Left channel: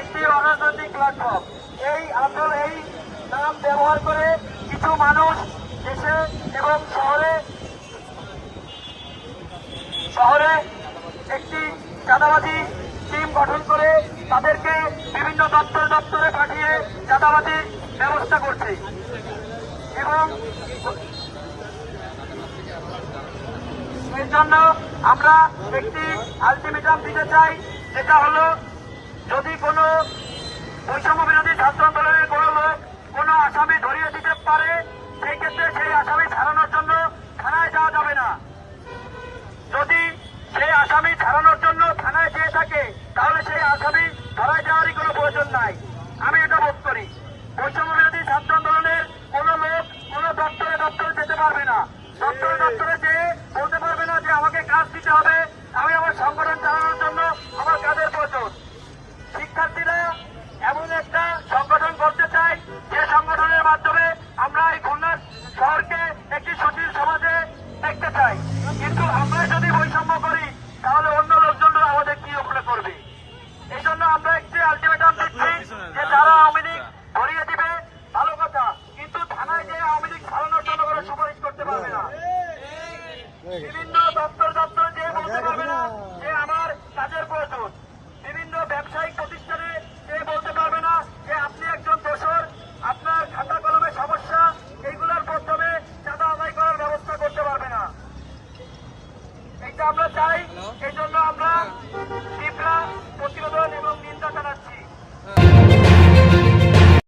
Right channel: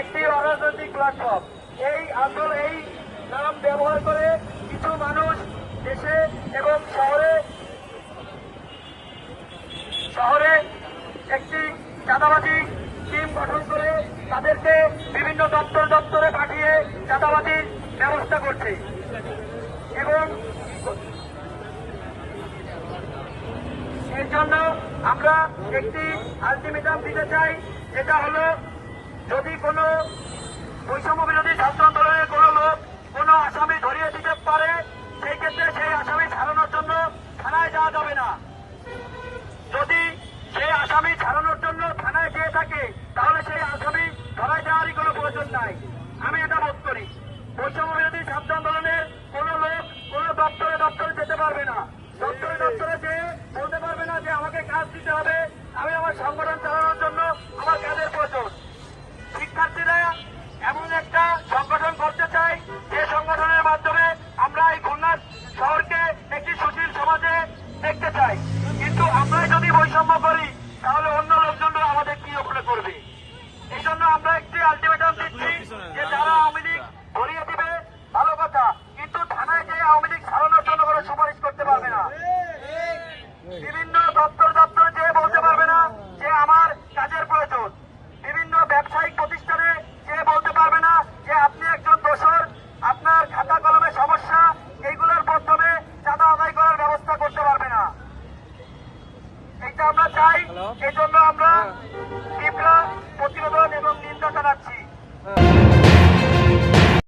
একটি অরাজনৈতিক প্ল্যাটফর্ম। এই নাম ব্যবহার করে কিছু মানুষ দেশে এবং শহরে একটি চাঁদাবাজি টিম গঠন করে তাদেরকে বিভিন্ন দপ্তরে পাঠিয়ে চাঁদাবাজির ব্যবস্থা করছে এবং এর জন্য আমরা একটি আলটিমেটাম দিতে চাই, যেটা হলো যদি কোনো বৈষম্য বিরোধী ছাত্র আন্দোলনের কোনো লোক কোনো আসামি ধরিয়ে দিতে পারে, সেই ক্ষেত্রে সেই আসামি ছাড়ানোর জন্য থানায় যাওয়া যাবে না। যদি সেই আসামি ছাড়ানোর জন্য থানায় গিয়ে থাকে তাহলে সেই আসামি ধরায় যাওয়ারই কোনো প্রয়োজন নাই।